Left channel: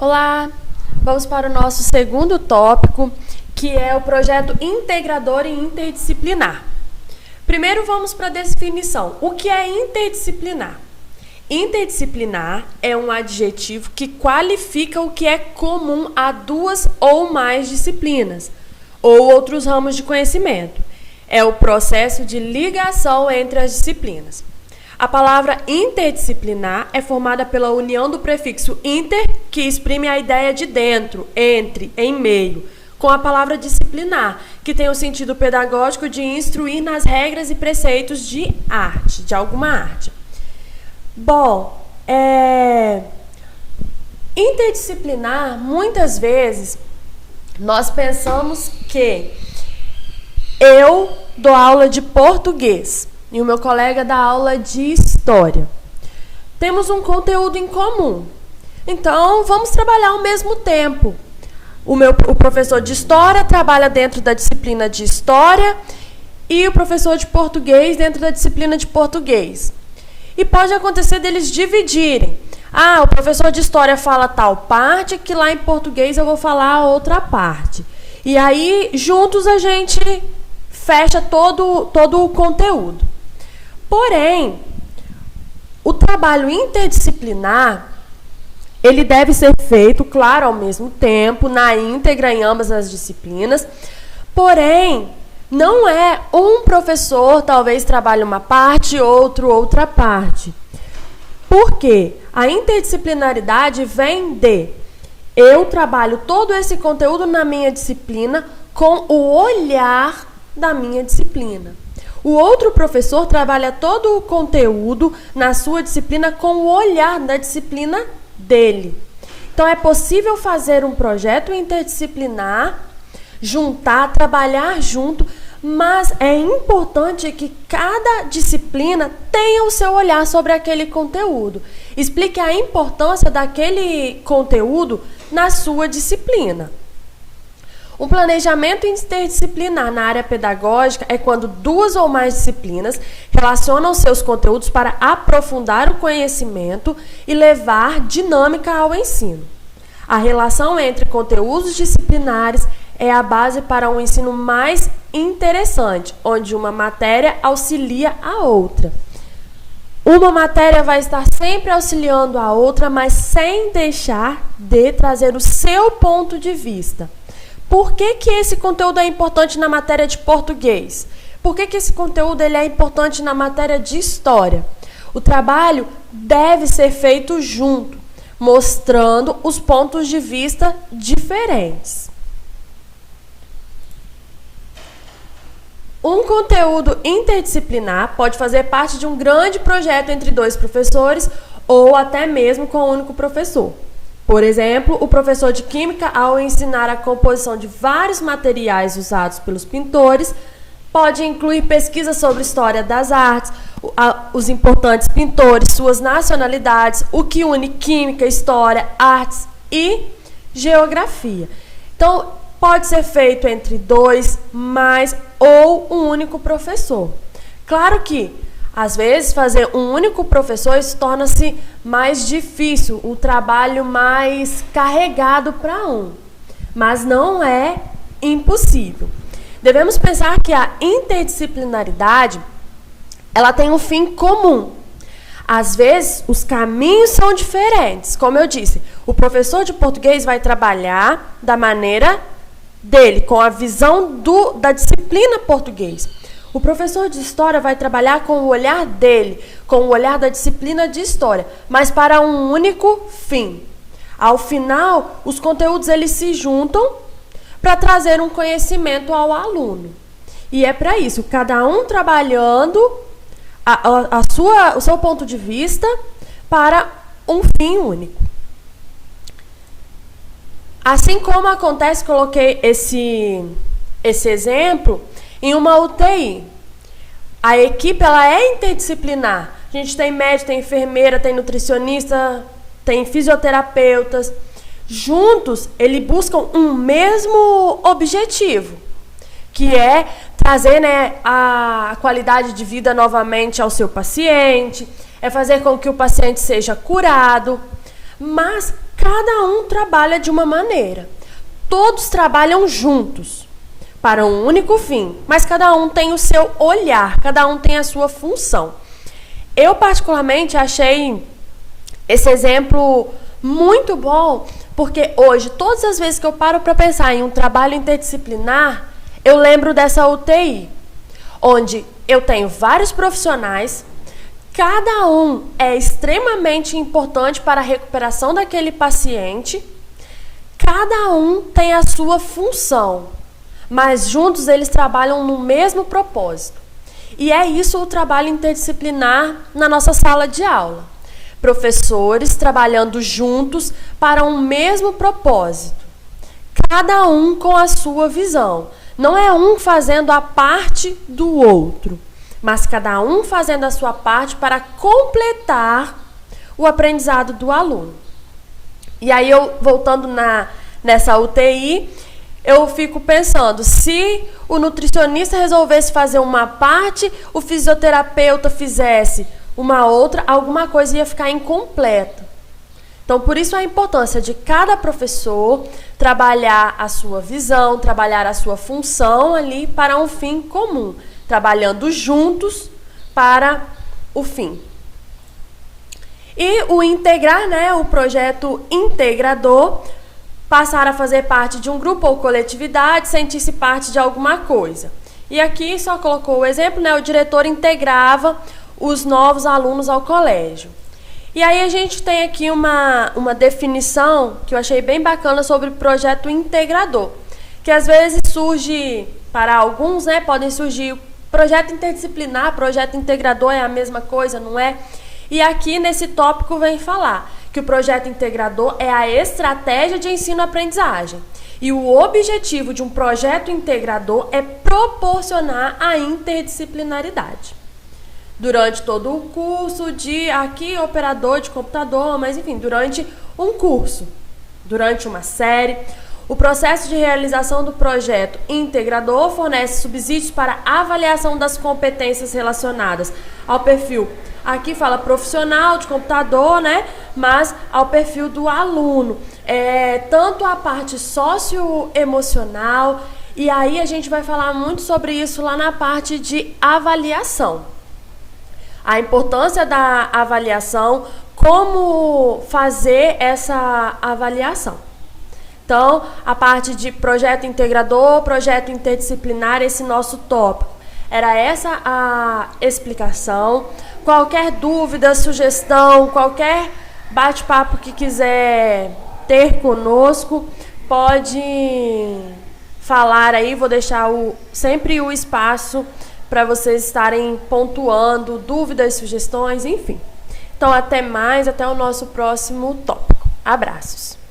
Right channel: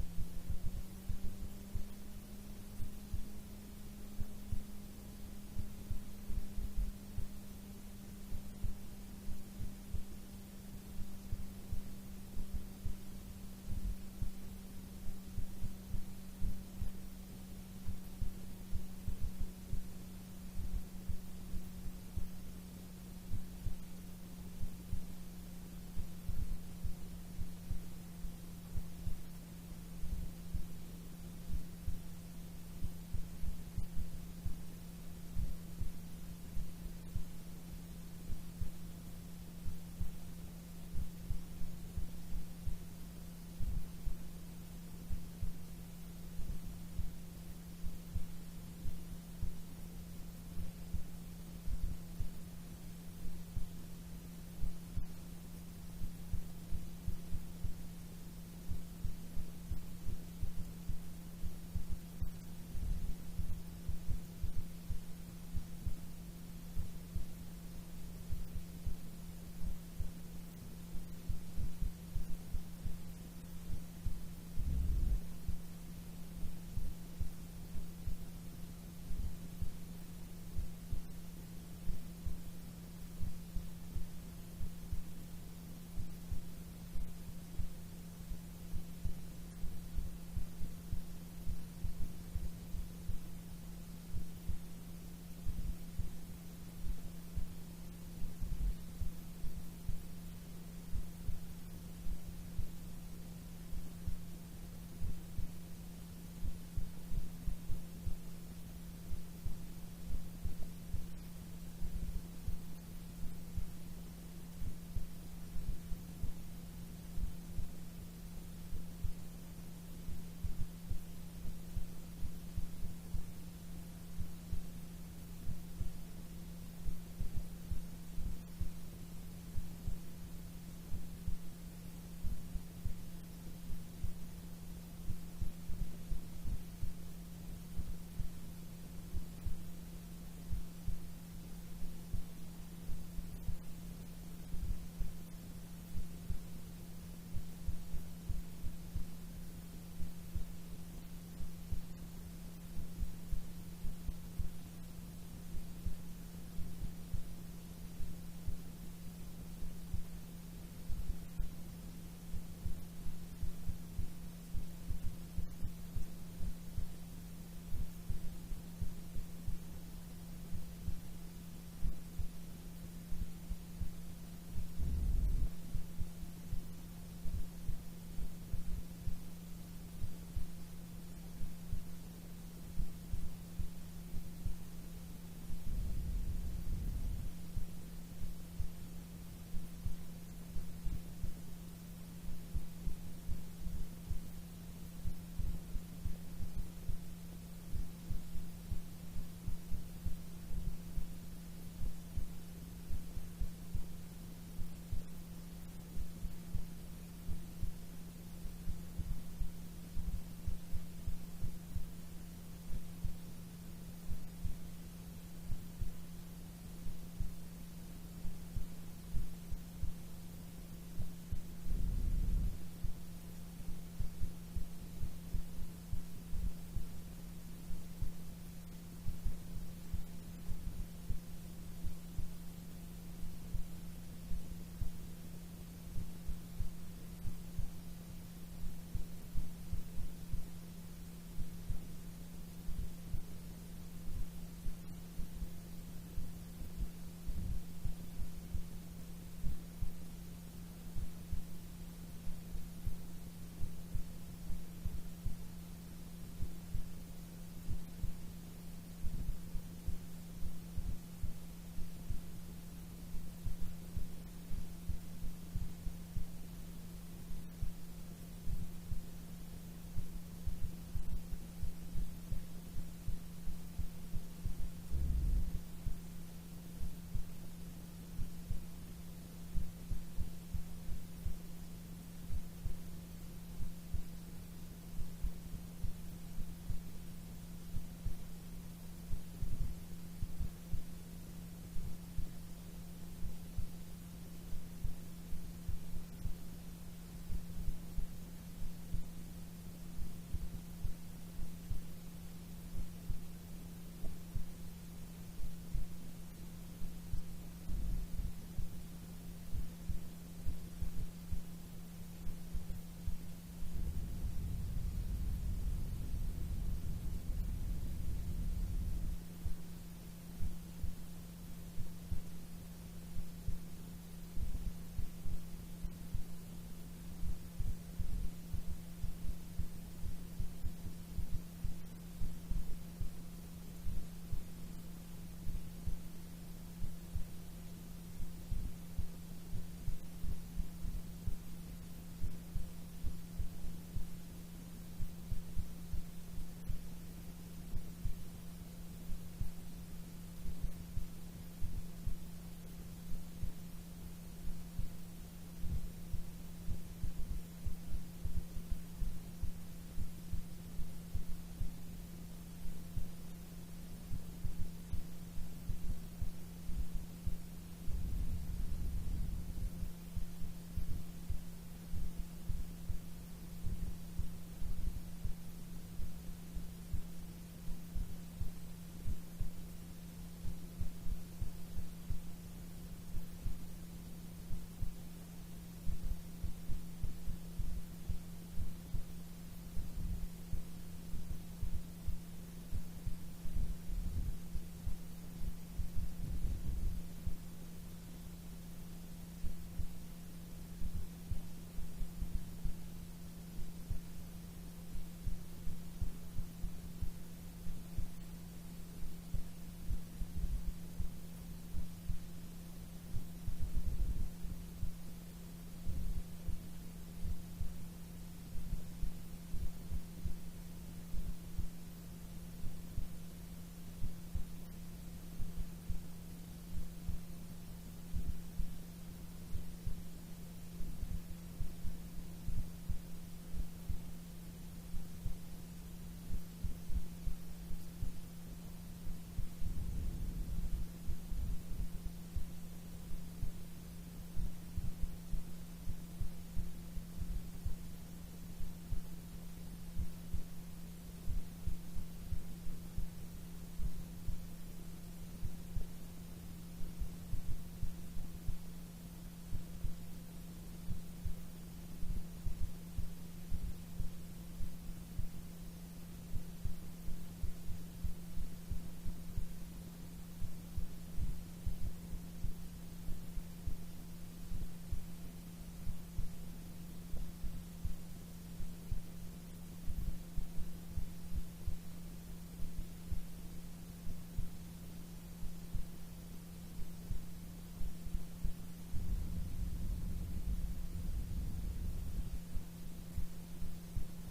Olá, vamos para o nosso segundo tópico, que é o projeto integrador e interdisciplinar. Primeiro vamos para a definição. O que é interdisciplinar? Interdisciplinar é um adjetivo que qualifica o que é comum a duas ou mais disciplinas, ou outros ramos de conhecimento. É o processo de ligação entre as disciplinas. A palavra interdisciplinar é formada pela união do prefixo inter, que exprime a ideia de dentro, entre, em meio, com a palavra disciplinar, que tem o sentido pedagógico de instruir nas regras e preceitos de arte, de alguma arte. Bom, interdisciplinar, muitas vezes, nós pensamos que eu dou aula de português e o meu colega dá aula de história. Temos um conteúdo em comum. Então, vamos trabalhar ao mesmo tempo. O professor de história trabalha dentro da disciplina de história e o professor de português dentro da disciplina de português. E pode acontecer deles dividirem. O professor de história fala tal parte, que lá em português eu vou falar a outra parte. E aí, juntos, a gente fecha todo o conteúdo. Porém, o trabalho interdisciplinar, ele deve ser feito, claro, ao mesmo tempo, na íntegra em ambas as disciplinas. Porém, não é um professor, talvez trabalhe uma parte, outro outra parte. Por quê? A interdisciplinaridade vem de eu trabalho todo esse conteúdo na minha disciplina com o olhar da minha disciplina. O outro professor trabalha todo o conteúdo na sua disciplina com o olhar da disciplina dele. Então, é possível fazer um projeto interdisciplinar, juntar, trabalhar junto, mas é importante que cada disciplina tenha o seu olhar sobre aquele conteúdo. Explique a importância daquele conteúdo na sua disciplina. Um planejamento interdisciplinar na área pedagógica é quando duas ou mais disciplinas relacionam seus conteúdos para aprofundar o conhecimento e levar dinâmica ao ensino. A relação entre conteúdos disciplinares é a base para um ensino mais interessante, onde uma matéria auxilia a outra. Uma matéria vai estar sempre auxiliando a outra, mas sem deixar de trazer o seu ponto de vista. Por que esse conteúdo é importante na matéria de português? Por que esse conteúdo ele é importante na matéria de história? O trabalho deve ser feito junto, mostrando os pontos de vista diferentes. Um conteúdo interdisciplinar pode fazer parte de um grande projeto entre dois professores ou até mesmo com um único professor. Por exemplo, o professor de Química, ao ensinar a composição de vários materiais usados pelos pintores, pode incluir pesquisas sobre história das artes, os importantes pintores, suas nacionalidades, o que une Química, História, Artes e Geografia. Então, pode ser feito entre dois, mais ou um único professor. Claro que, às vezes, fazer um único professor torna-se mais difícil, o trabalho mais carregado para um. Mas não é impossível. Devemos pensar que a interdisciplinaridade, ela tem um fim comum. Às vezes, os caminhos são diferentes. Como eu disse, o professor de português vai trabalhar da maneira dele, com a visão da disciplina português. O professor de história vai trabalhar com o olhar dele, com o olhar da disciplina de história, mas para um único fim. Ao final, os conteúdos eles se juntam para trazer um conhecimento ao aluno. E é para isso, cada um trabalhando o seu ponto de vista para um fim único. Assim como acontece, coloquei esse exemplo em uma UTI. A equipe ela é interdisciplinar. A gente tem médico, tem enfermeira, tem nutricionista, tem fisioterapeutas. Juntos, eles buscam um mesmo objetivo, que é trazer a qualidade de vida novamente ao seu paciente, é fazer com que o paciente seja curado. Mas cada um trabalha de uma maneira. Todos trabalham juntos para um único fim, mas cada um tem o seu olhar, cada um tem a sua função. Eu particularmente achei esse exemplo muito bom, porque hoje, todas as vezes que eu paro para pensar em um trabalho interdisciplinar, eu lembro dessa UTI, onde eu tenho vários profissionais, cada um é extremamente importante para a recuperação daquele paciente, cada um tem a sua função, mas juntos eles trabalham no mesmo propósito. E é isso o trabalho interdisciplinar na nossa sala de aula. Professores trabalhando juntos para um mesmo propósito, cada um com a sua visão. Não é um fazendo a parte do outro, mas cada um fazendo a sua parte para completar o aprendizado do aluno. E aí, eu voltando nessa UTI, eu fico pensando, se o nutricionista resolvesse fazer uma parte, o fisioterapeuta fizesse uma outra, alguma coisa ia ficar incompleta. Então, por isso a importância de cada professor trabalhar a sua visão, trabalhar a sua função ali para um fim comum, trabalhando juntos para o fim. E o integrar, o projeto integrador, passar a fazer parte de um grupo ou coletividade, sentir-se parte de alguma coisa. E aqui só colocou o exemplo, o diretor integrava os novos alunos ao colégio. E aí a gente tem aqui uma definição que eu achei bem bacana sobre projeto integrador, que às vezes surge, para alguns, podem surgir projeto interdisciplinar, projeto integrador é a mesma coisa, não é? E aqui nesse tópico vem falar que o projeto integrador é a estratégia de ensino-aprendizagem. E o objetivo de um projeto integrador é proporcionar a interdisciplinaridade. Durante todo o curso de, aqui, operador de computador, mas enfim, durante um curso, durante uma série, o processo de realização do projeto integrador fornece subsídios para avaliação das competências relacionadas ao perfil, aqui fala profissional de computador, mas ao perfil do aluno, tanto a parte socioemocional, e aí a gente vai falar muito sobre isso lá na parte de avaliação. A importância da avaliação, como fazer essa avaliação. Então, a parte de projeto integrador, projeto interdisciplinar, esse nosso tópico. Era essa a explicação. Qualquer dúvida, sugestão, qualquer bate-papo que quiser ter conosco, pode falar aí, vou deixar sempre o espaço para vocês estarem pontuando dúvidas, sugestões, enfim. Então, até mais, até o nosso próximo tópico. Abraços!